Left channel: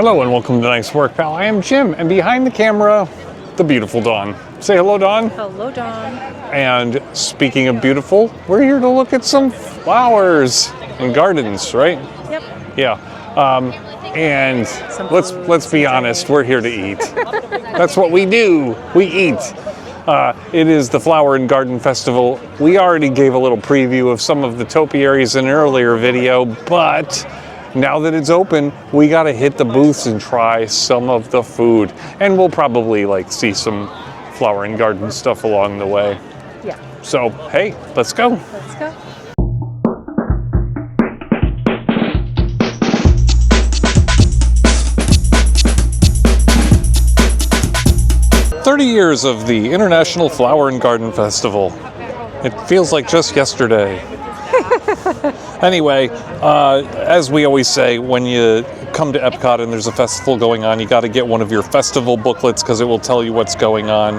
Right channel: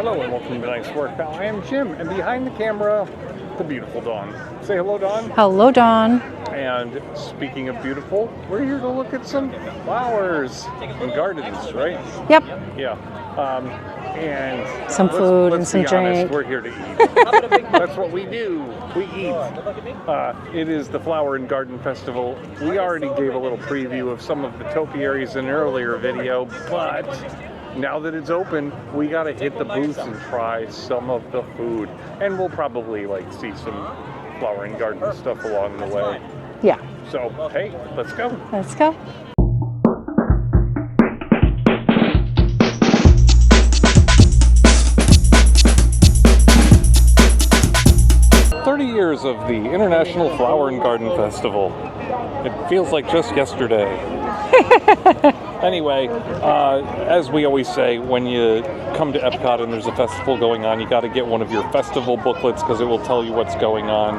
Hello and welcome to Nice Work, Pal. I am Jim, and behind the camera, the beautiful Dawn. Say hello, Dawn. Hello, Dawn. And speaking of beautiful, we're here to look at some flowers and gardens, right? Yep. Yeah. And Some let's food, be some honest, drink. we're here to eat. That's what we do. We eat. It is the Flower and Garden Festival. We already gave a little preview of some of the topiaries in an earlier video, but now that it's open, we gotta hit the booths and try some of the food. And we'll probably see some flower and garden stuff along the way. Yeah. So, hey, let's go. Let's go. Years of the International Flower and Garden Festival. It feels like just yesterday. Anyway, as we always say, when you come to Epcot and there's a festival going on, you got to get one of your festival booklets because it will tell you what's going on.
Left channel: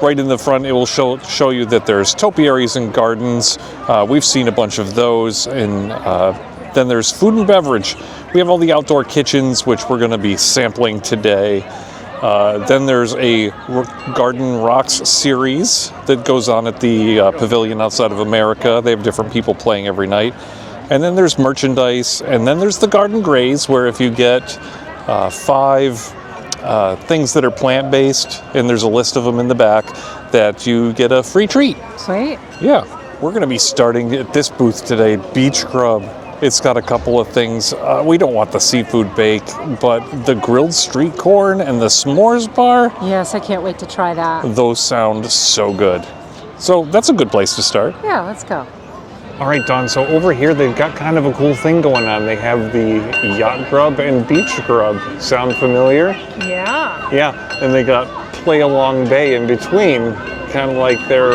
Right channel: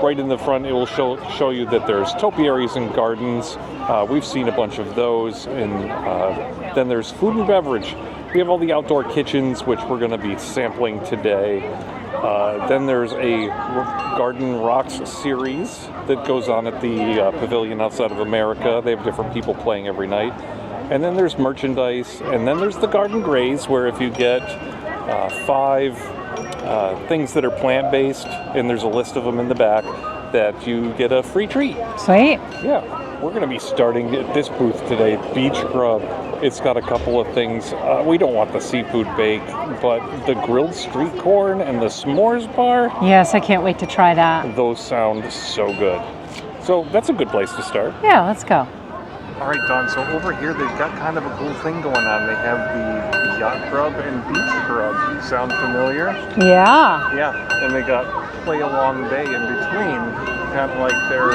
Right in the front, it will show you that there's topiaries and gardens. We've seen a bunch of those. And then there's food and beverage. We have all the outdoor kitchens, which we're going to be sampling today. Then there's a Garden Rocks series that goes on at the Pavilion outside of America. They have different people playing every night. And then there's merchandise. And then there's the Garden Graze, where if you get 5 things that are plant-based, and there's a list of them in the back, that you get a free treat. Sweet. Yeah. We're going to be starting at this booth today, Beach Grub. It's got a couple of things. We don't want the seafood bake, but the grilled street corn and the s'mores bar. Yes, I can't wait to try that. Those sound so good. So that's a good place to start. Yeah, let's go. All right, Don, so over here they've got kind of a cool thing going on. They have the yacht grub and beach grub. Sound familiar? Yeah. Yeah, and they got Play Along Bay in between, kind of like their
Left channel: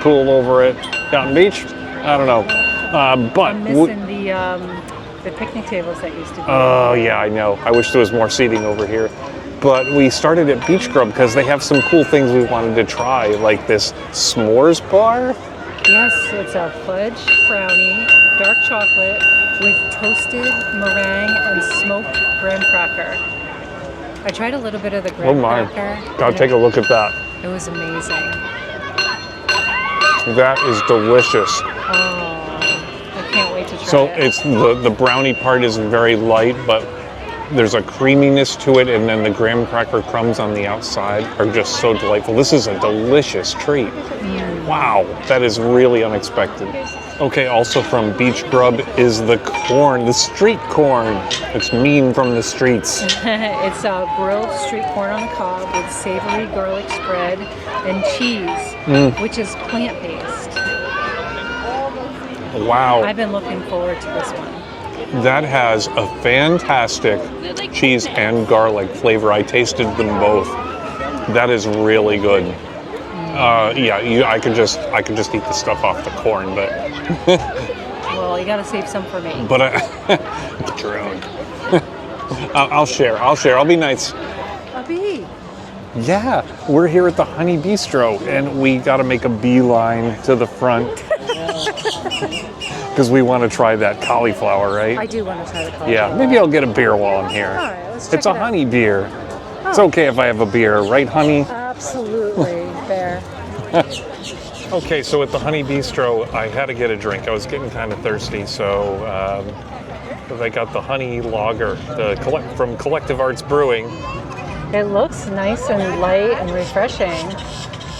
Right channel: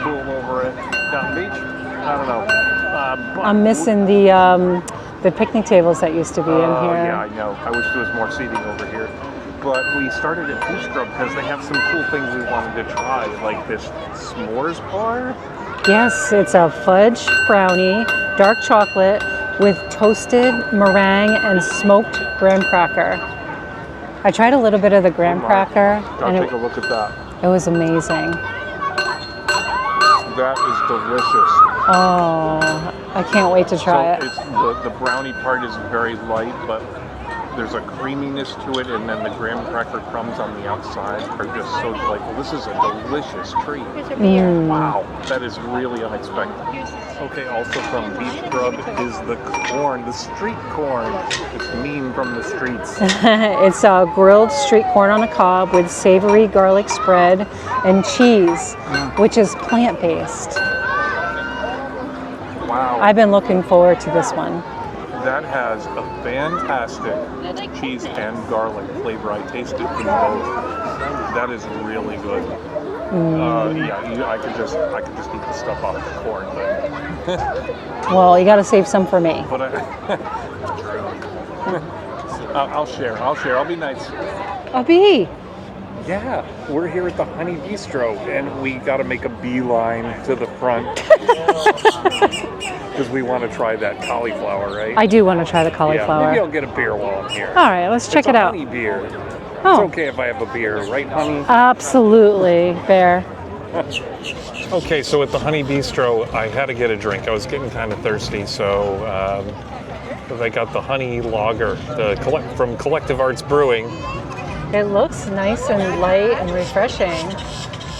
pool over at Yacht Beach. I don't know. But I'm missing the picnic tables that used to be in here. Oh, yeah, I know. I wish there was more seating over here. But we started at Beach Grub because they have some cool things we wanted to try, like this s'mores bar. Yes, it's a fudge brownie, dark chocolate with toasted meringue and smoked graham cracker. I tried a little bit of the graham cracker. Gotta take a look at that. It was amazing. That is delicious. Oh, I can't wait to try it. So it's the brownie part is very light, but there's a creaminess to it, and then the graham cracker crumbs on the outside are just so delightful. This is a delicious treat. Wow, that is really unexpected. Okay, also from Beach Grub is the corn, the street corn. It's mean from the streets. It's a grilled street corn on the cob with savory garlic spread and cheese, which is plant-based. Wow. I've been looking forward to this one. That has a fantastic cheese and garlic flavor. I tasted them both. That is really good. Yeah, I could just eat the stuff off the corn, but Well, you got to save some for me. but I'll share. I'll be nice. A bee. Yeah, we're here at the Honey Bistro, and we got to make a beeline to the front because we want to try that cauliflower, right? I do want to try the cauliflower. Yeah, maybe I'll get a beer while I'm here. All right, let's check it's it a out. honey beer. Oh. It's okay if I have a beer, right, honey? Absolutely, Bear. Okay, so at the Honey Bistro, I had to get a drink. I was getting kind of thirsty, so I got the honey lager from Collective Arts Brewing. It looks nice and light and refreshing.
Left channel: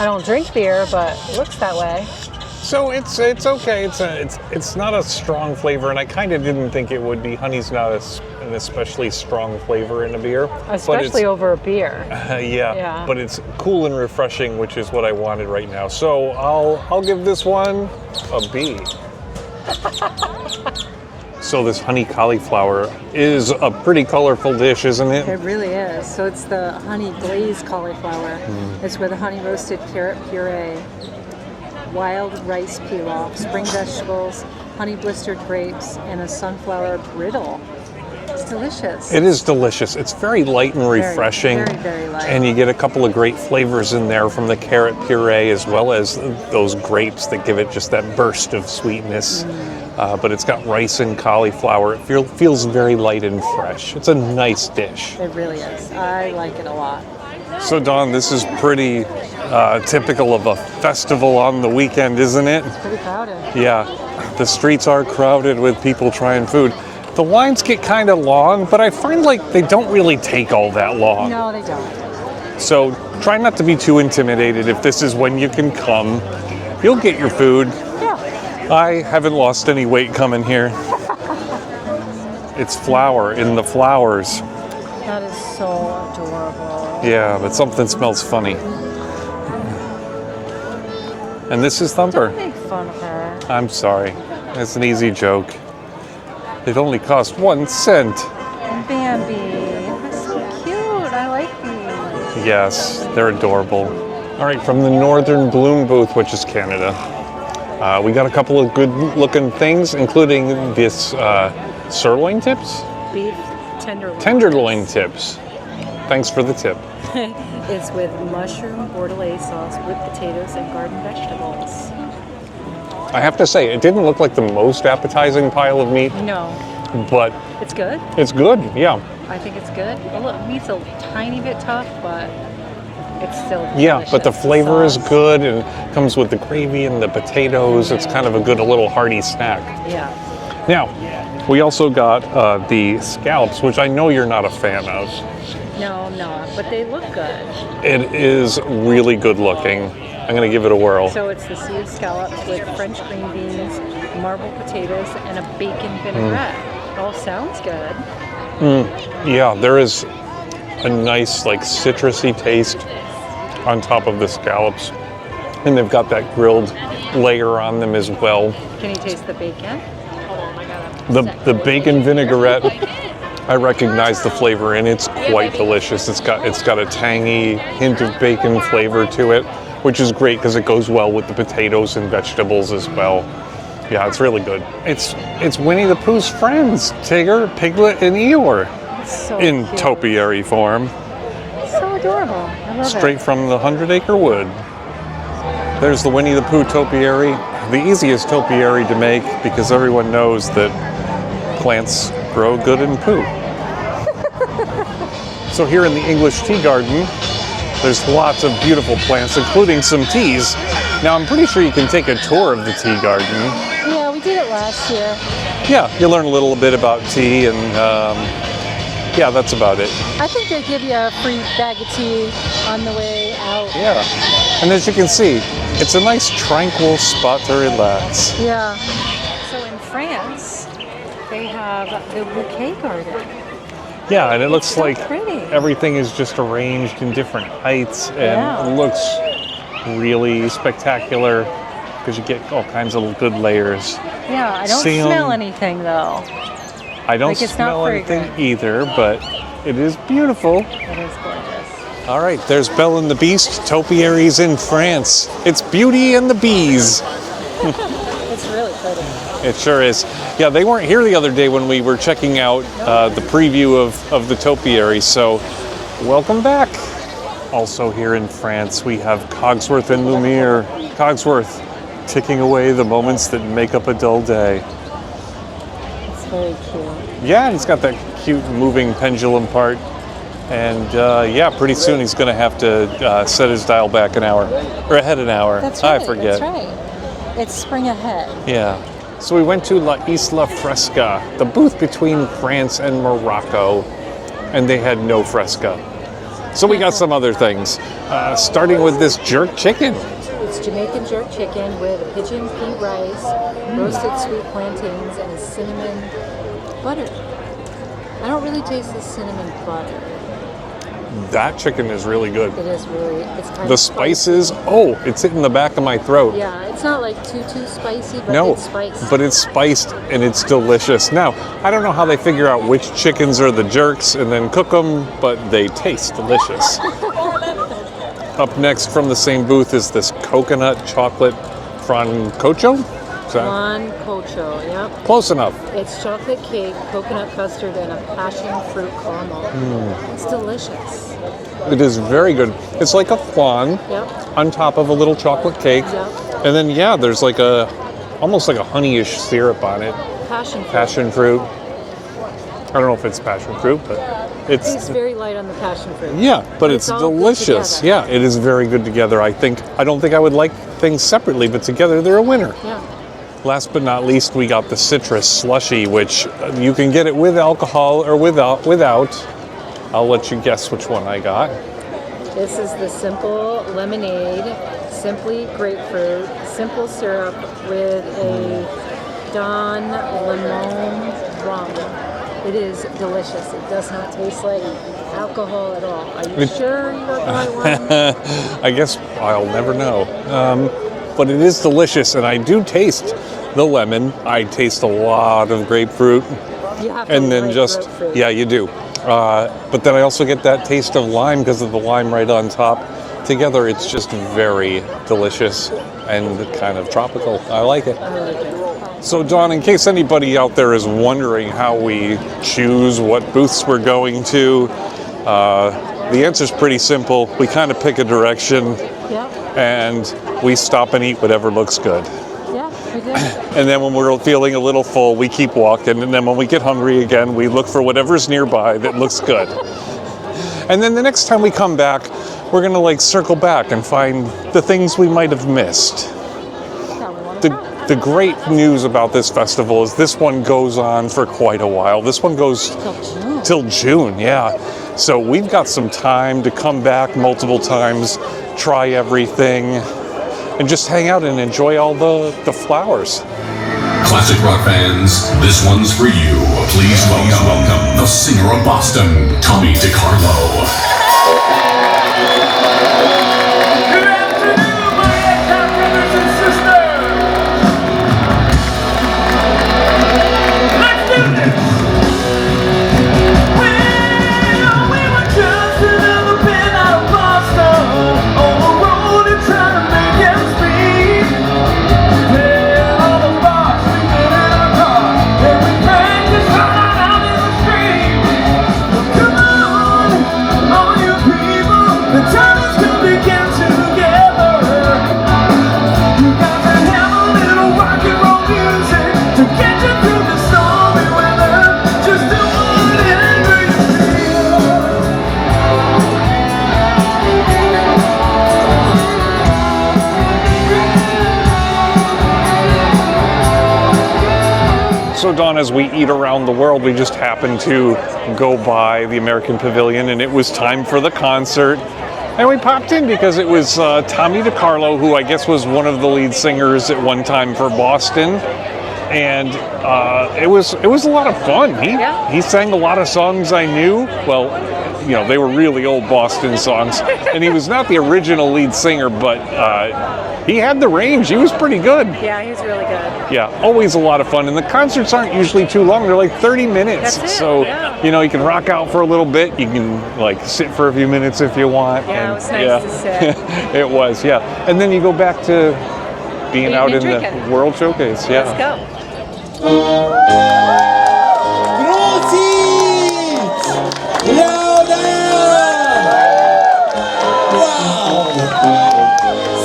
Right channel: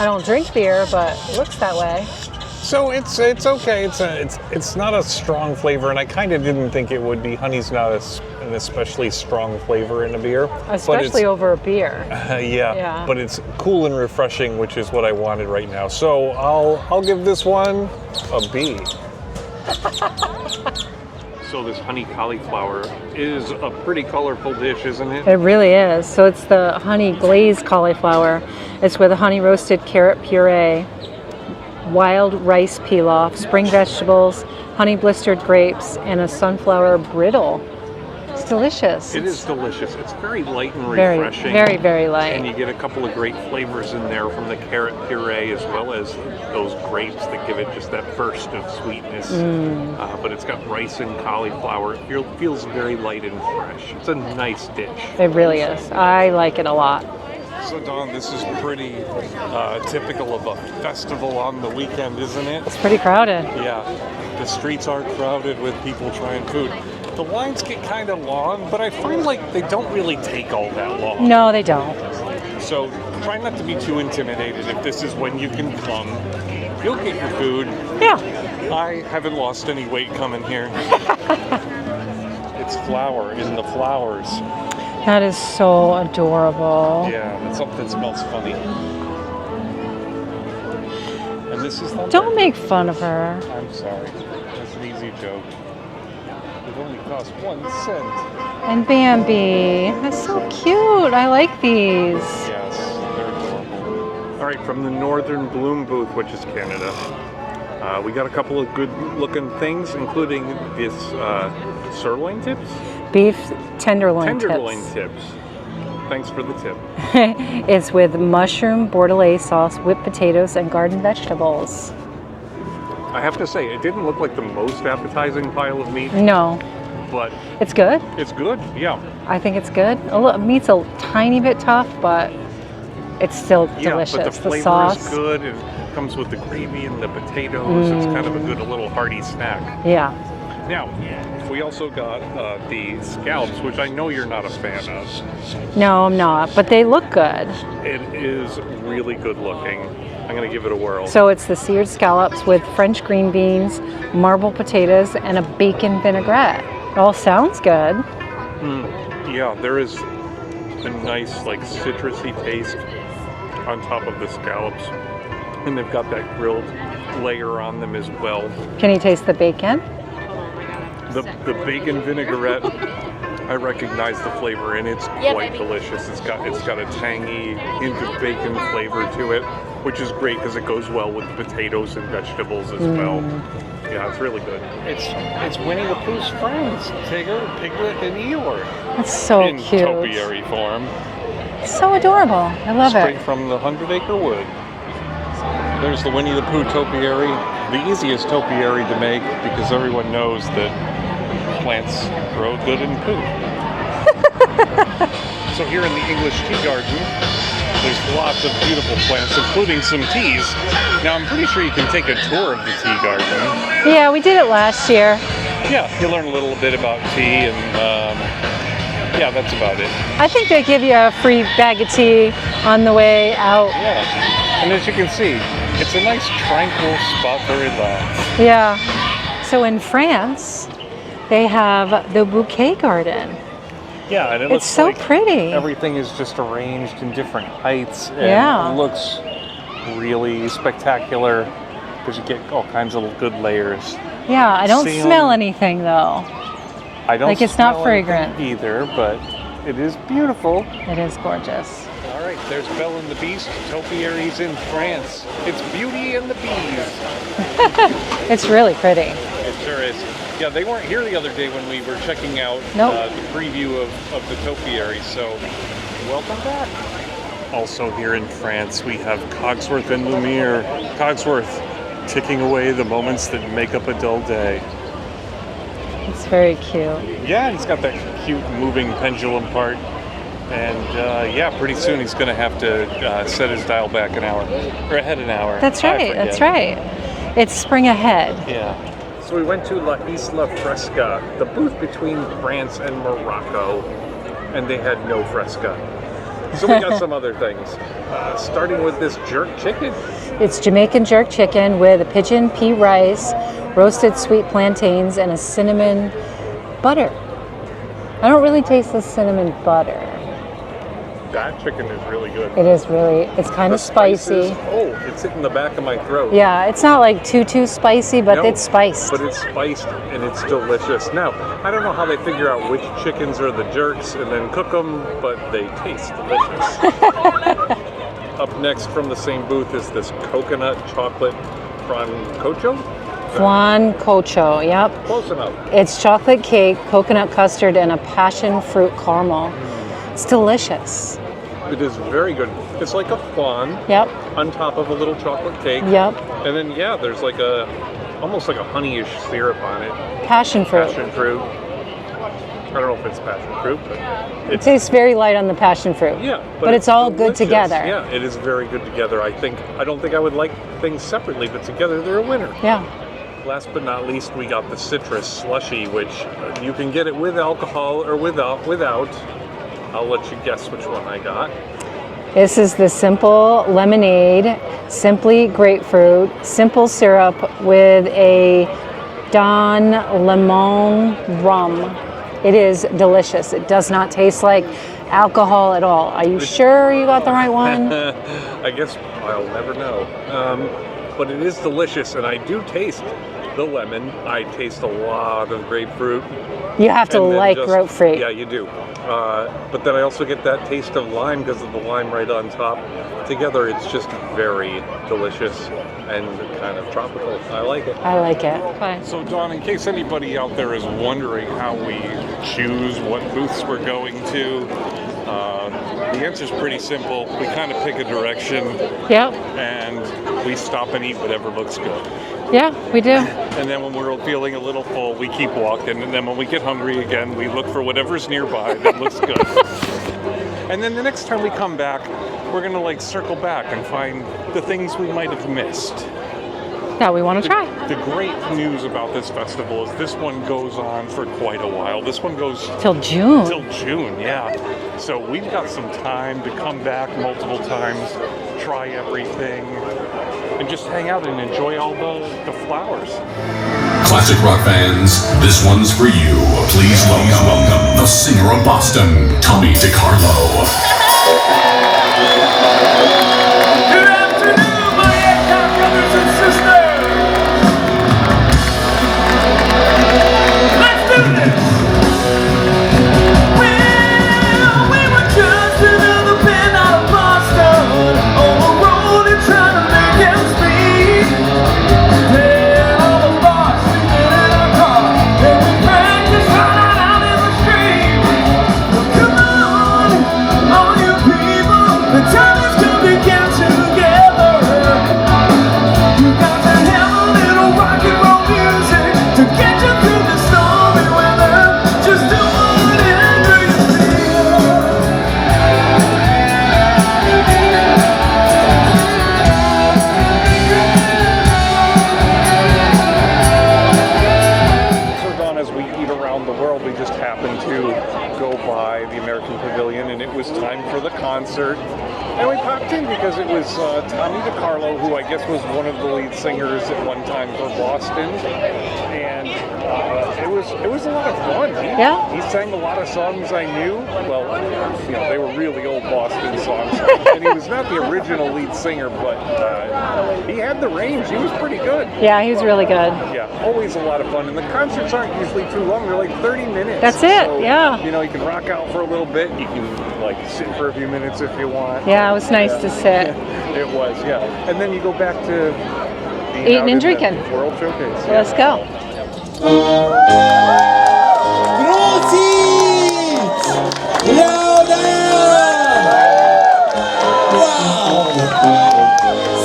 I don't drink beer, but it looks that way. So it's okay. It's not a strong flavor, and I kind of didn't think it would be. Honey's not an especially strong flavor in a beer, Especially over a beer. Yeah, but it's cool and refreshing, which is what I wanted right now. So I'll give this one a B. So this honey cauliflower is a pretty colorful dish, isn't it? It really is. So it's the honey glazed cauliflower. It's with a honey roasted carrot puree, wild rice pilaf, spring vegetables, honey blistered grapes, and a sunflower brittle. It's delicious. It is delicious. It's very light and refreshing. Very, very light. And you get a couple of great flavors in there from the carrot puree as well as those grapes that give it just that burst of sweetness. But it's got rice and cauliflower. It feels very light and fresh. It's a nice dish. It really is. I like it a lot. So Dawn, this is pretty typical of a festival on the weekend, isn't it? It's pretty crowded. Yeah, the streets are crowded with people trying food. The lines get kind of long, but I find like they don't really take all that long. No, they don't. So try not to be too intimidated. If this is when you can come, you'll get your food. Yeah. I haven't lost any weight coming here. It's flour in the flowers. That is so adorable. Yeah, but something smells funny. And this is Thumper. Don't make fun of her. I'm sorry. It's an easy joke. It only cost 1 cent. And Bambi. That's so cute. I like these. Yes, they're adorable. All right, from the Northern Bloom booth, which is Canada, we got a couple of good-looking things, including this sirloin tips. Beef tenderloin. Tenderloin tips. Thanks for the tip. It's with mushroom bordelaise sauce, whipped potatoes, and garden vegetables. I have to say, it didn't look like the most appetizing pile of meat, No, but it's good. it's good, yeah. I think it's good. Meat's a tiny bit tough, but it's still Yeah, delicious. but the flavor is sauce. good and comes with the gravy and the potatoes. It's kind of a good, a little hearty snack. Yeah. Now, we also got the scallops, which I know you're not a fan of. No, I'm not, but they look good. It is really good looking. I'm going to give it a whirl. So it's the seared scallops with French green beans, marble potatoes, and a bacon vinaigrette. It all sounds good. Yeah, there is a nice, like, citrusy taste on top of the scallops. And they've got that grilled layer on them as well. Can you taste the bacon? The bacon vinaigrette, I recognize the flavor and it's quite delicious. It's got a tangy hint of bacon flavor to it, which is great because it goes well with the potatoes and vegetables as well. Yeah, it's really good. It's Winnie the Pooh's friends, Tigger, Piglet, and Eeyore It's so in cute. topiary form, So adorable. I love straight it. from the 100-acre wood. There's the Winnie the Pooh topiary, the easiest topiary to make because everyone knows that plants grow good in poo. So here in the English tea garden, there's lots of beautiful plants, including some teas. Now I'm pretty sure you can take a tour of the tea garden. Yeah, we did it last year. Yeah, you learn a little bit about tea and yeah, that's about it. I think they give you a free bag of tea on the way out. Yeah, and as you can see, it's a nice tranquil spot to relax. Yeah. So in France, they have the bouquet garden. Yeah, and it It's looks so like pretty. everything is just arranged in different heights, and Yeah. it looks really spectacular because you get all kinds of good layers. Yeah, I don't Sam. smell anything though. I don't Like, it's not smell anything fragrant. either, but it is beautiful. It is gorgeous. All right, there's Belle and the Beast, topiaries in France. It's Beauty and the Bees. It's really pretty. It sure is. Yeah, they weren't here the other day when we were checking out Nope. the preview of the topiary, so welcome back. Also here in France, we have Cogsworth and Lumiere. Cogsworth ticking away the moments that make up a dull day. It's very cute. Yeah, and he's got that cute moving pendulum part. And yeah, pretty soon he's going to have to set his dial back an hour, or ahead an hour. That's I right. forget. That's right. It's spring ahead. Yeah. So we went to La Isla Fresca, the booth between France and Morocco, and they had no fresca. So we got some other things, starting with this jerk chicken. It's Jamaican jerk chicken with a pigeon pea rice, roasted sweet plantains, and a cinnamon butter. I don't really taste the cinnamon butter. That chicken is really good. It is really, it's kind The of spicy. spices, oh, it's hitting the back of my throat. Yeah, it's not like too spicy, but No, it's spiced. But it's spiced and it's delicious. Now, I don't know how they figure out which chickens are the jerks and then cook them, but they taste delicious. Up next from the same booth is this coconut chocolate francocho. Flan Cocho, yep. Close enough. It's chocolate cake, coconut custard, and a passion fruit caramel. It's delicious. It is very good. It's like a flan Yep. on top of a little chocolate cake. Yep. And then, yeah, there's like almost like a honeyish syrup on it. Passion fruit. Passion fruit. I don't know if it's passion fruit, but It tastes very light on the passion fruit. Yeah, but it's all delicious. good together. Yeah, it is very good together. I don't think I would like things separately, but together they're a winner. Yeah. Last but not least, we got the citrus slushy, which you can get it with alcohol or without. I'll let you guess which one I got. This is the simple lemonade, simply grapefruit, simple syrup with a Don Lemon rum. It is delicious. It does not taste like alcohol at all. Are you sure you got the right one? I guess I'll never know. But it is delicious, and I do taste the lemon. I taste a lot of grapefruit. You have to like grapefruit. Yeah, you do. But then I also get that taste of lime because of the lime right on top. Together, it's just very delicious and kind of tropical. I like it. I like it. Bye. So, Dawn, in case anybody out there is wondering how we choose what booths we're going to, the answer's pretty simple. We kind of pick a direction, Yeah. and we stop and eat whatever looks good. Yeah, we do. And then when we're feeling a little full, we keep walking. And then when we get hungry again, we look for whatever's nearby that looks good. And then the next time we come back, we're going to like circle back and find the things we might have missed. That we want to try. The great news about this festival is this one goes on for quite a while. This one goes Till June. Till June, yeah. So we've got some time to come back multiple times, try everything, and just hang out and enjoy all the flowers. Classic rock fans, this one's for you. Please welcome the singer of Boston, Tommy DiCarlo. Good afternoon, my Epcot brothers and sisters. Let's do this. Well, we were just another pin out of Boston, on the road and trying to make ends meet. Then all the bars sleeping in a car, and we practice right out in the street. Well, come on, all you people, the time is to begin together. You got to have a little rock and roll music to get you through the stormy weather. Just do whatever you feel. So, Dawn, as we eat around the world, we just happened to go by the American Pavilion, and it was time for the concert. And we popped in because it was Tommy DiCarlo, who I guess was one of the lead singers at one time for Boston. And it was a lot of fun. He sang a lot of songs I knew. Well, you know, they were really old Boston songs. And he was not the original lead singer, but he had the range. He was pretty good. Yeah, he was really good. Yeah, always a lot of fun. And the concerts aren't usually too long. They're like 30 minutes. That's it, So, yeah. you know, you can rock out for a little bit. You can, like, sit for a few minutes if you want. Yeah, And, it was nice to sit. It was, yeah. And then you go back to being Eating out and in drinking. the World Showcase. Yeah. Let's go. Prosit! Louder! Wow!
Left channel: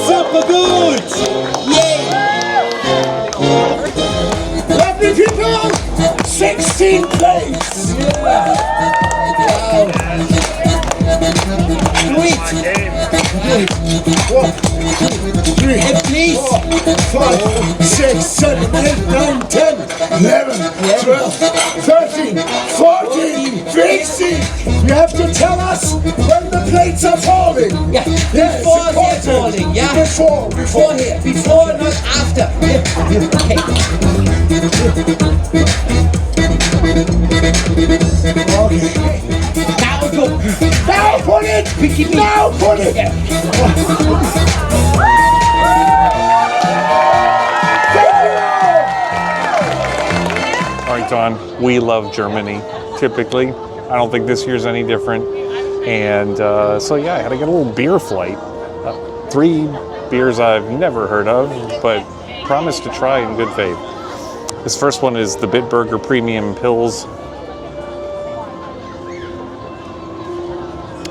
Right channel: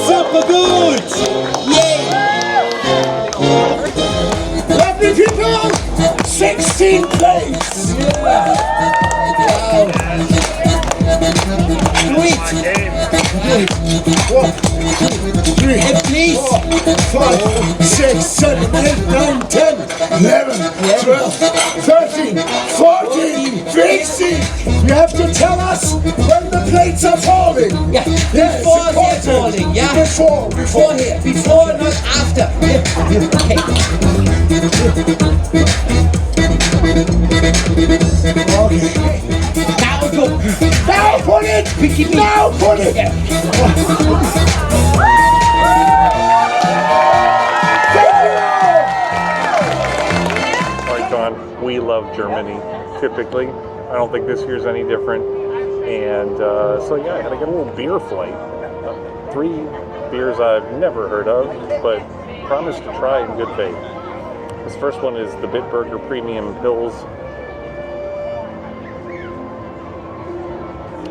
Super good! Yeah! Lovely people! 16th place! Yeah! Wow! Sweet! 1, 2, 3, and please! 5, 6, 7, 8, 9, 10, 11, 12, 13, 14, 15! You have to tell us when the plates are falling! Yeah, Yes, before they're falling, yeah? Before here, before, not after. Okay. Now go. Now put it! Now put it! All right, Dawn, we love Germany, typically. I don't think this year's any different. And so, yeah, I had to get a little beer flight. 3 beers I've never heard of, but promise to try in good faith. This first one is the Bitburger Premium Pills.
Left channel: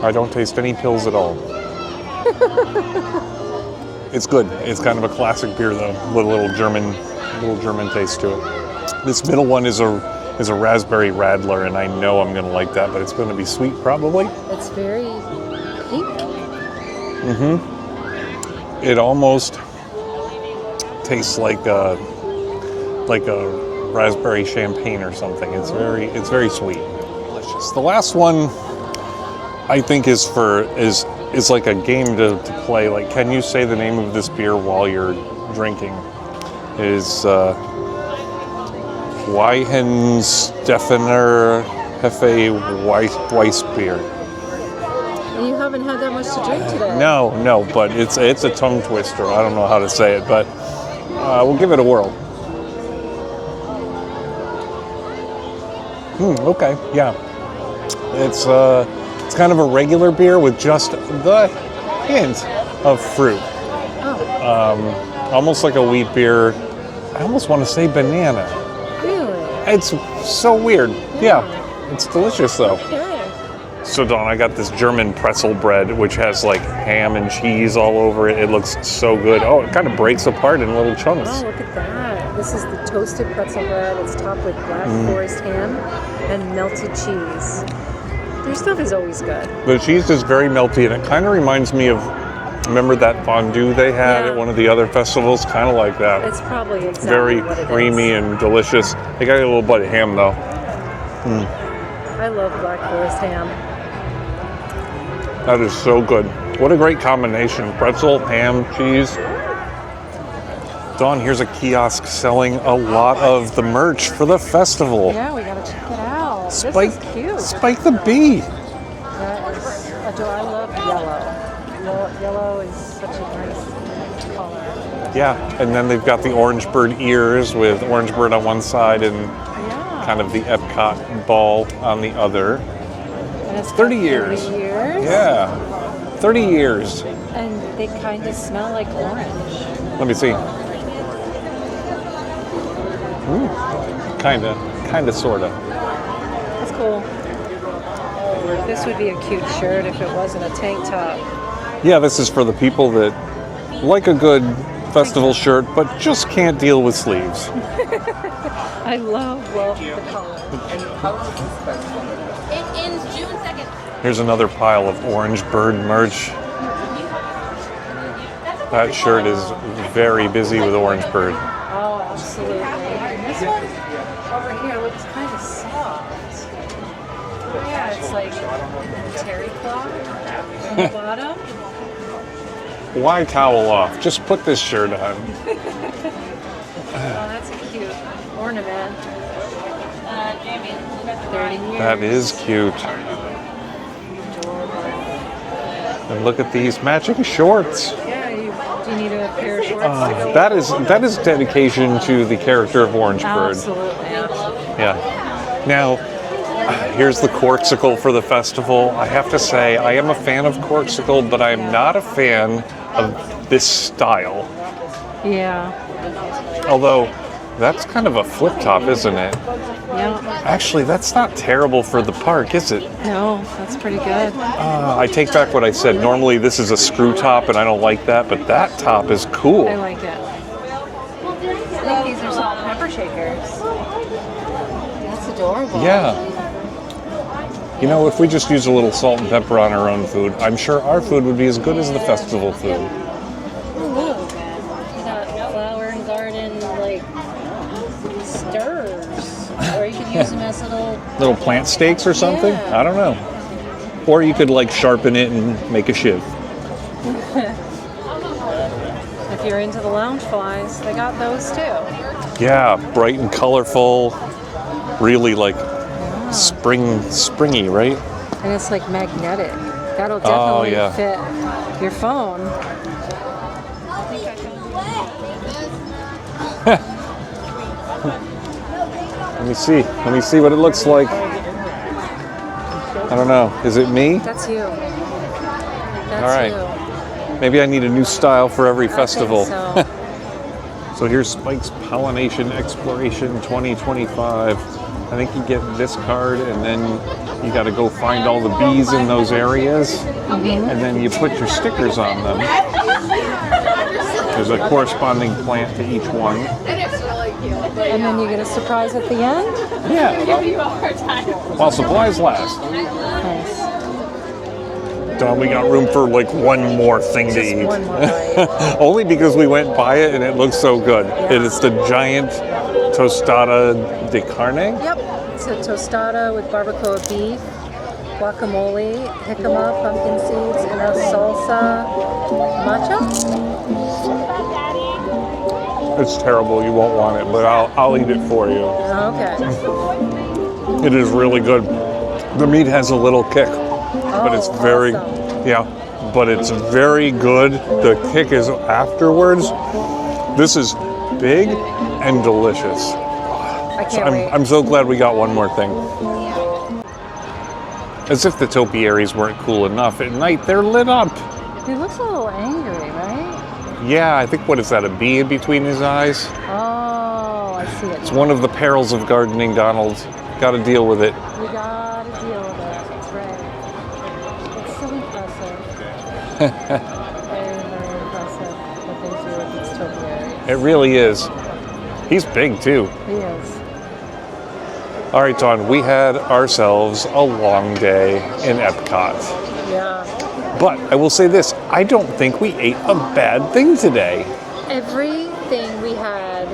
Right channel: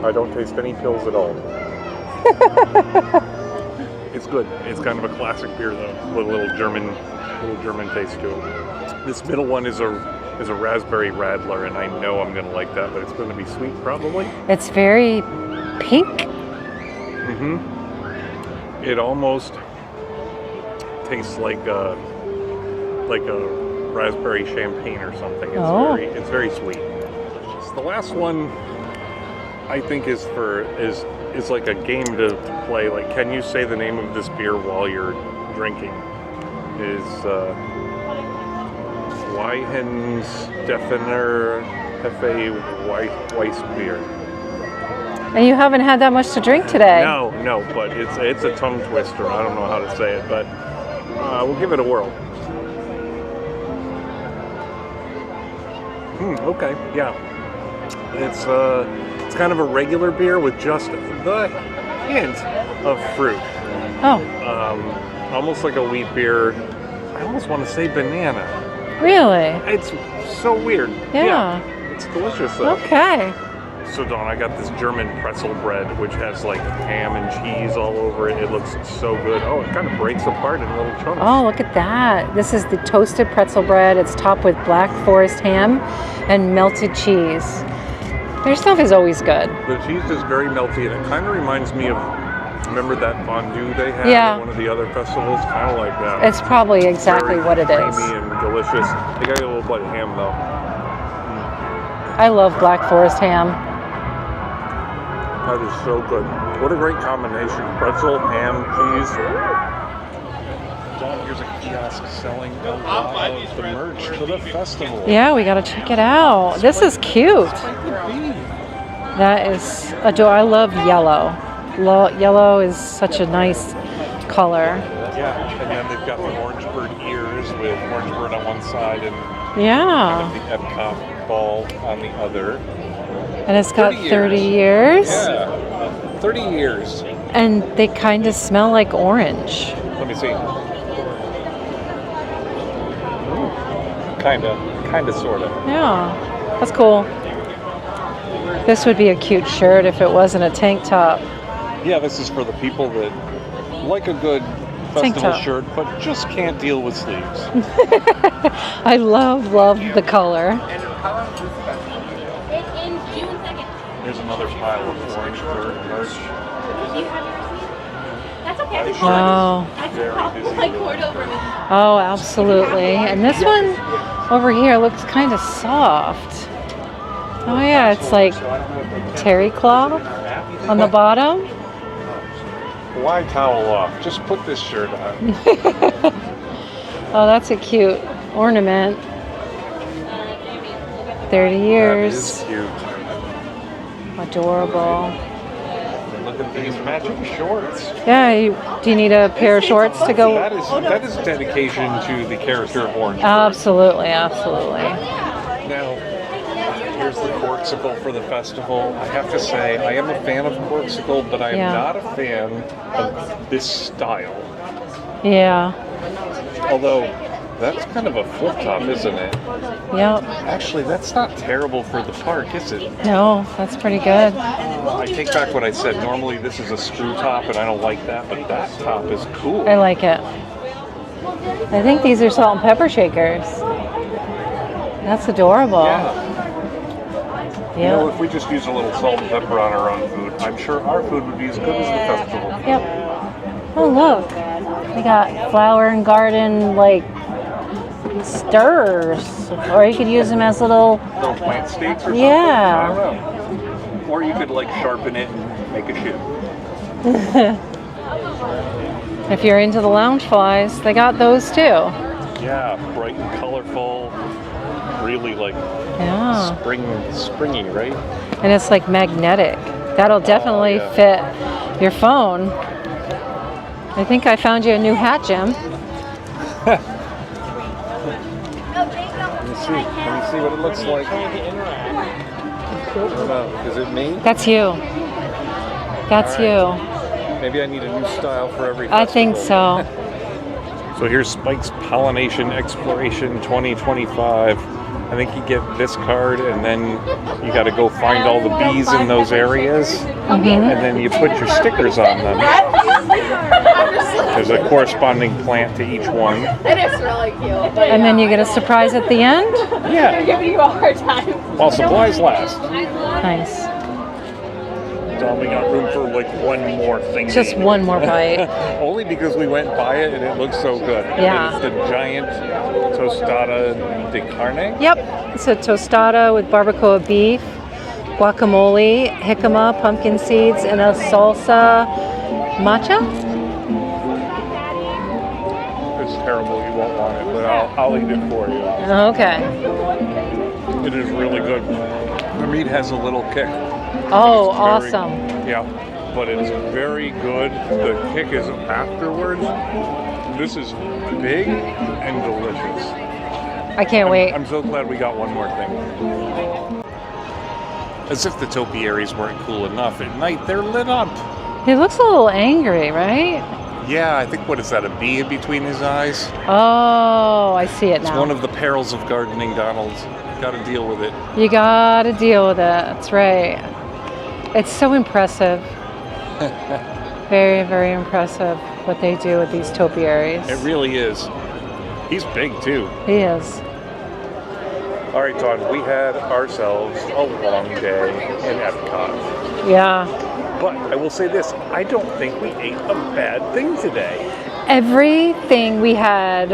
I don't taste any pills at all. It's good. It's kind of a classic beer though, with a little German taste to it. This middle one is a raspberry radler, and I know I'm gonna like that, but it's gonna be sweet probably. It's very pink. It almost tastes like a raspberry champagne or something. It's very sweet. Delicious. The last one I think is like a game to play. Like, can you say the name of this beer while you're drinking? Is Weihenstephaner Hefe Weiss beer. And you haven't had that much to drink today. No, but it's a tongue twister. I don't know how to say it, but we'll give it a whirl. Okay, yeah. It's kind of a regular beer with just the hint of fruit. Oh, Almost like a wheat beer. I almost want to say banana. really? It's so weird. Yeah. It's delicious though. Okay. So Dawn, I got this German pretzel bread, which has like ham and cheese all over it. It looks so good. Oh, it kind of breaks apart in little chunks. Oh, look at that. This is the toasted pretzel bread. It's topped with black forest ham and melted cheese. Their stuff is always good. The cheese is very melty, and it kind of reminds me of, remember that fondue they had at one of the other festivals? Kind of like that. It's probably exactly very what it is. creamy and delicious. They got a little bit of ham though. I love black forest ham. That is so good. What a great combination. Pretzel, ham, cheese. Dawn, here's a kiosk selling a lot of the merch for the festival. Yeah, we gotta check it out. This is cute. Spike the Bee. That is adorable. I love yellow. Yellow is such a nice color. Yeah, and then they've got the orange bird ears with orange bird on one side and Yeah. kind of the Epcot ball on the other. And it's got 30 years. Yeah, 30 years. And they kind of smell like orange. Let me see. Kinda, sorta. Yeah, that's cool. This would be a cute shirt if it wasn't a tank top. Yeah, this is for the people that like a good festival top. shirt, but just can't deal with sleeves. I love the color. Here's another pile of orange bird merch. That shirt is very busy with orange bird. Oh, absolutely. And this one over here looks kind of soft. Oh yeah, it's like terry cloth on the bottom. Why towel off? Just put this shirt on. Oh, that's a cute ornament. 30 years. That is cute. Adorable. And look at these matching shorts. Yeah, do you need a pair of shorts to go? That is dedication to the character of Orange Bird. Absolutely. Yeah. Now, here's the corksicle for the festival. I have to say, I am a fan of corksicle, but I'm not a fan of this style. Yeah. Although, that's kind of a flip top, isn't it? Yep. Actually, that's not terrible for the park, is it? No, that's pretty good. I take back what I said. Normally, this is a screw top, and I don't like that, but that top is cool. I like it. I think these are salt and pepper shakers. That's adorable. Yeah. You know, if we just use a little salt and pepper on our own food, I'm sure our food would be as good as the festival food. Oh, look. We got flower and garden, like, stirs. Or you could use them as little plant steaks or something? Yeah. I don't know. Or you could, like, sharpen it and make a shiv. If you're into the lounge flies, they got those too. Yeah, bright and colorful. Really, like, Yeah. springy, right? And it's like magnetic. That'll definitely fit your phone. I think I found you a new hat, Jim. Let me see what it looks like. I don't know. Is it me? That's you. That's All right. you. Maybe I need a new style for every I think festival. so. So here's Spike's Pollination Exploration 2025. I think you get this card, and then you got to go find all the bees in those areas, and then you put your stickers on them. There's a corresponding plant to each one. It is really cute. And then you get a surprise at the end? Yeah. Giving you a hard time. While supplies last. Nice. Don, we got room for like one more thing to Just eat. one more bite. Only because we went by it and it looks so good. Yeah. And it's the giant tostada de carne. Yep. It's a tostada with barbacoa beef, guacamole, jicama, pumpkin seeds, and a salsa matcha. It's terrible. You won't want it, but I'll eat it for you. Okay. It is really good. The meat has a little kick. But Oh, it's very, awesome. Yeah, but it's very good. The kick is afterwards. This is big and delicious. I can't wait. I'm so glad we got one more thing. As if the topiaries weren't cool enough, at night they're lit up. He looks a little angry, right? Yeah, I think, what is that, a bee in between his eyes? Oh, I see it It's now. one of the perils of gardening, Donald. Gotta deal with it. You gotta deal with it. That's right. It's so impressive. Very, very impressive what they do with these topiaries. It really is. He's big too. He is. All right, Dawn, we had ourselves a long day in Epcot. Yeah. But I will say this, I don't think we ate a bad thing today. Everything we had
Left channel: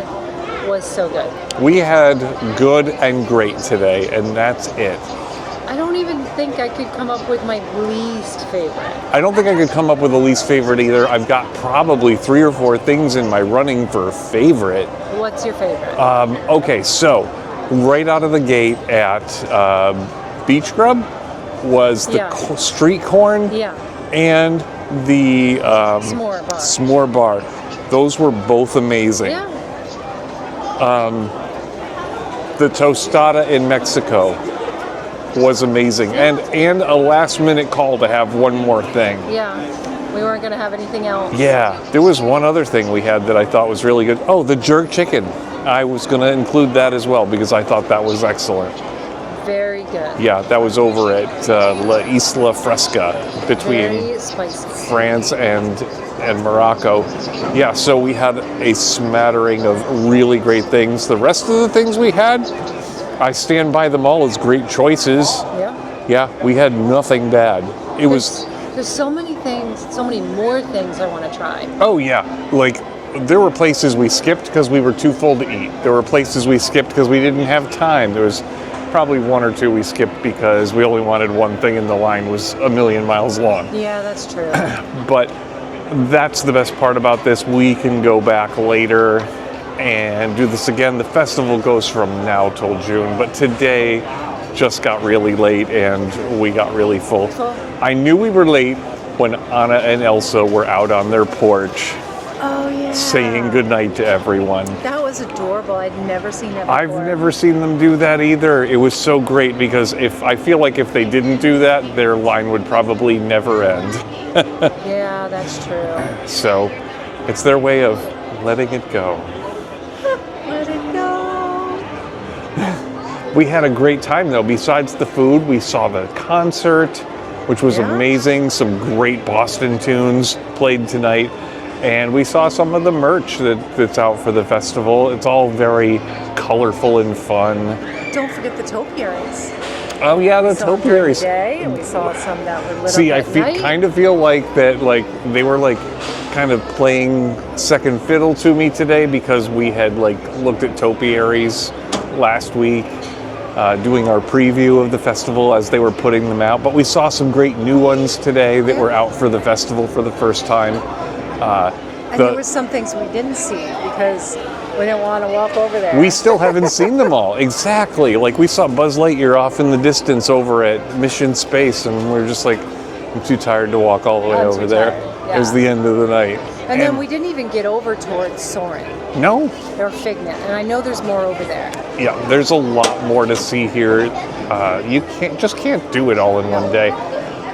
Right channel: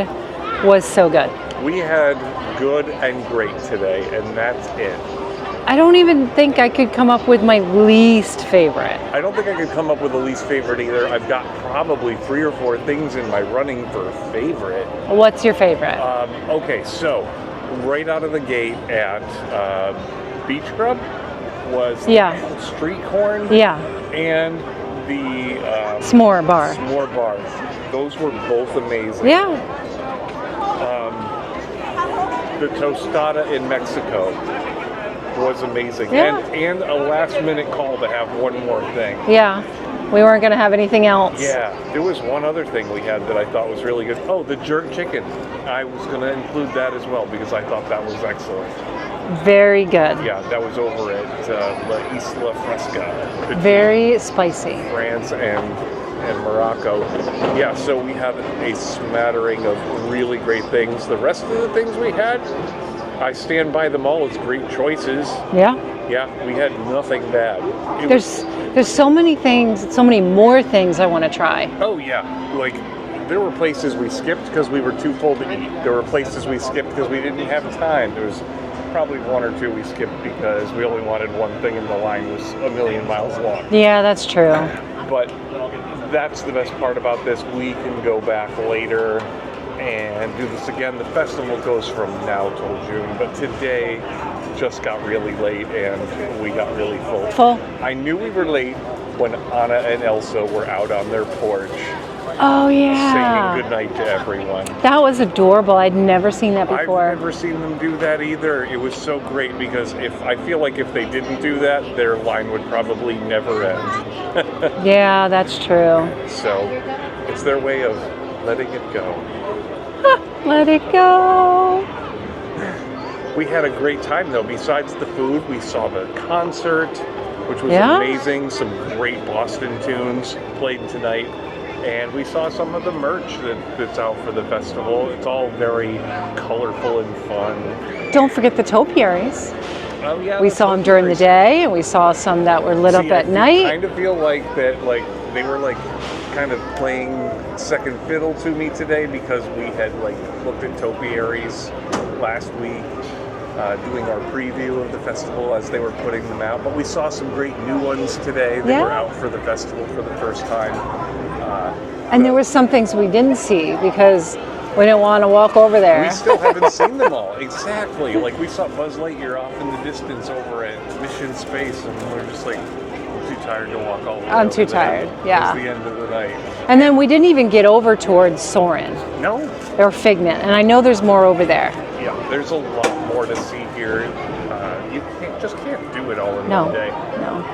was so good. We had good and great today, and that's it. I don't even think I could come up with my least favorite. I don't think I could come up with a least favorite either. I've got probably 3 or 4 things in my running for a favorite. What's your favorite? Okay, so right out of the gate at Beach Grub was the Yeah. street corn Yeah. and the S'more bar. s'more bar. Those were both amazing. Yeah. The tostada in Mexico was amazing. Yeah. And a last minute call to have one more thing. Yeah. We weren't gonna have anything else. Yeah, there was one other thing we had that I thought was really good. Oh, the jerk chicken. I was going to include that as well because I thought that was excellent. Very good. Yeah, that was over at La Isla Fresca between Very spicy. France and Morocco. Yeah, so we had a smattering of really great things. The rest of the things we had, I stand by them all as great choices. Yeah. Yeah, we had nothing bad. It was. There's so many things, so many more things I want to try. Oh yeah, like there were places we skipped because we were too full to eat. There were places we skipped because we didn't have time. There was probably 1 or 2 we skipped because we only wanted one thing and the line was a million miles long. Yeah, that's true. But that's the best part about this. We can go back later and do this again. The festival goes from now till June, but today just got really late and we got really full. I knew we were late when Anna and Elsa were out on their porch Oh yeah. saying goodnight to everyone. That was adorable. I'd never seen that I've before. never seen them do that either. It was so great because I feel like if they didn't do that, their line would probably never end. Yeah, that's true. So it's their way of letting it go. Let it go. We had a great time though. Besides the food, we saw the concert, which was Yeah? amazing. Some great Boston tunes played tonight. And we saw some of the merch that's out for the festival. It's all very colorful and fun. Don't forget the topiaries. Oh yeah, We the saw them during the topiaries. day, and we saw some that were lit See, up at night. kind of feel like that, like they were like kind of playing second fiddle to me today because we had like looked at topiaries last week, doing our preview of the festival as they were putting them out. But we saw some great new ones today that Yeah. were out for the festival for the first time. And there were some things we didn't see because we didn't want to walk over there. We still haven't seen them all. Exactly. Like we saw Buzz Lightyear off in the distance over at Mission Space, and we are just like, I'm too tired to walk all the way I'm over too there. tired, It yeah. was the end of the night. And then we didn't even get over towards Soarin' No. or Figment, and I know there's more over there. Yeah, there's a lot more to see here. You can't do it all in No. one day.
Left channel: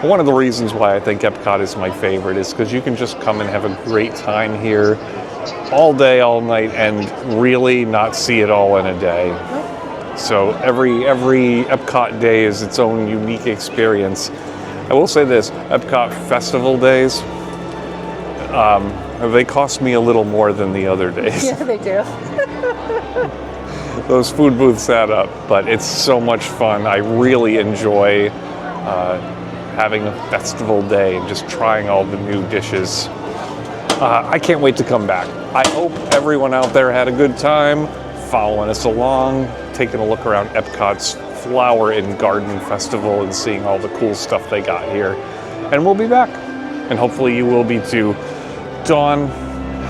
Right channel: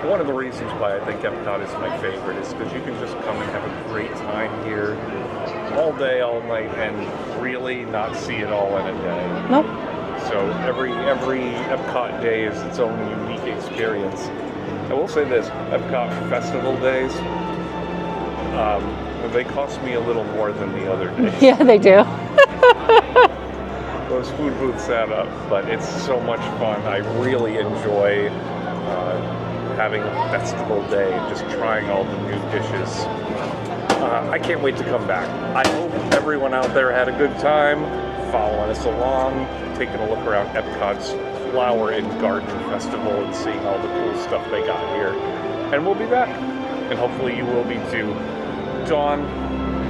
One of the reasons why I think Epcot is my favorite is because you can just come and have a great time here all day, all night, and really not see it all in a day. Nope. So every Epcot day is its own unique experience. I will say this, Epcot festival days, they cost me a little more than the other days. Yeah, they do. Those food booths add up, but it's so much fun. I really enjoy having a festival day, just trying all the new dishes. I can't wait to come back. I hope everyone out there had a good time following us along, taking a look around Epcot's Flower and Garden Festival and seeing all the cool stuff they got here. And we'll be back. And hopefully you will be too. Dawn,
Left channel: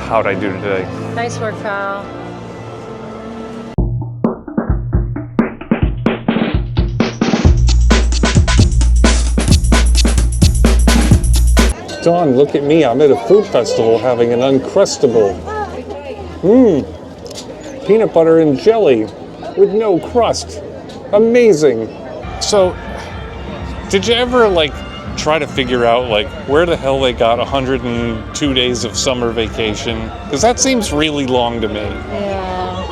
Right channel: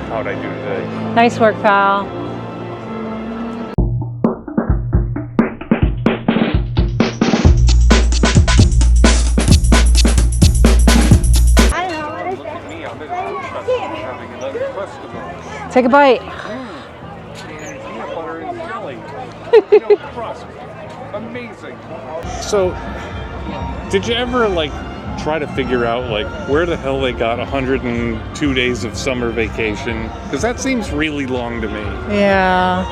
how'd I do today? Nice work, pal. Dawn, look at me. I'm at a food festival having an Uncrustable. Take a bite. Peanut butter and jelly with no crust. Amazing. So, did you ever try to figure out where the hell they got 102 days of summer vacation? Because that seems really long to me. Yeah.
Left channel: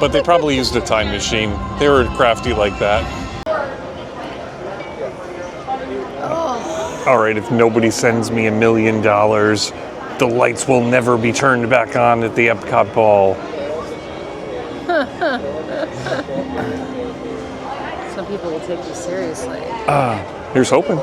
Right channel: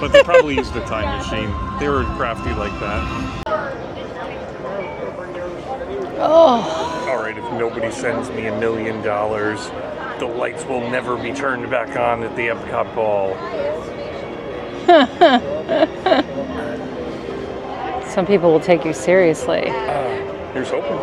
But they probably used a time machine. They were crafty like that. All right, if nobody sends me $1 million, the lights will never be turned back on at the Epcot Ball. Some people will take you seriously. Here's hoping.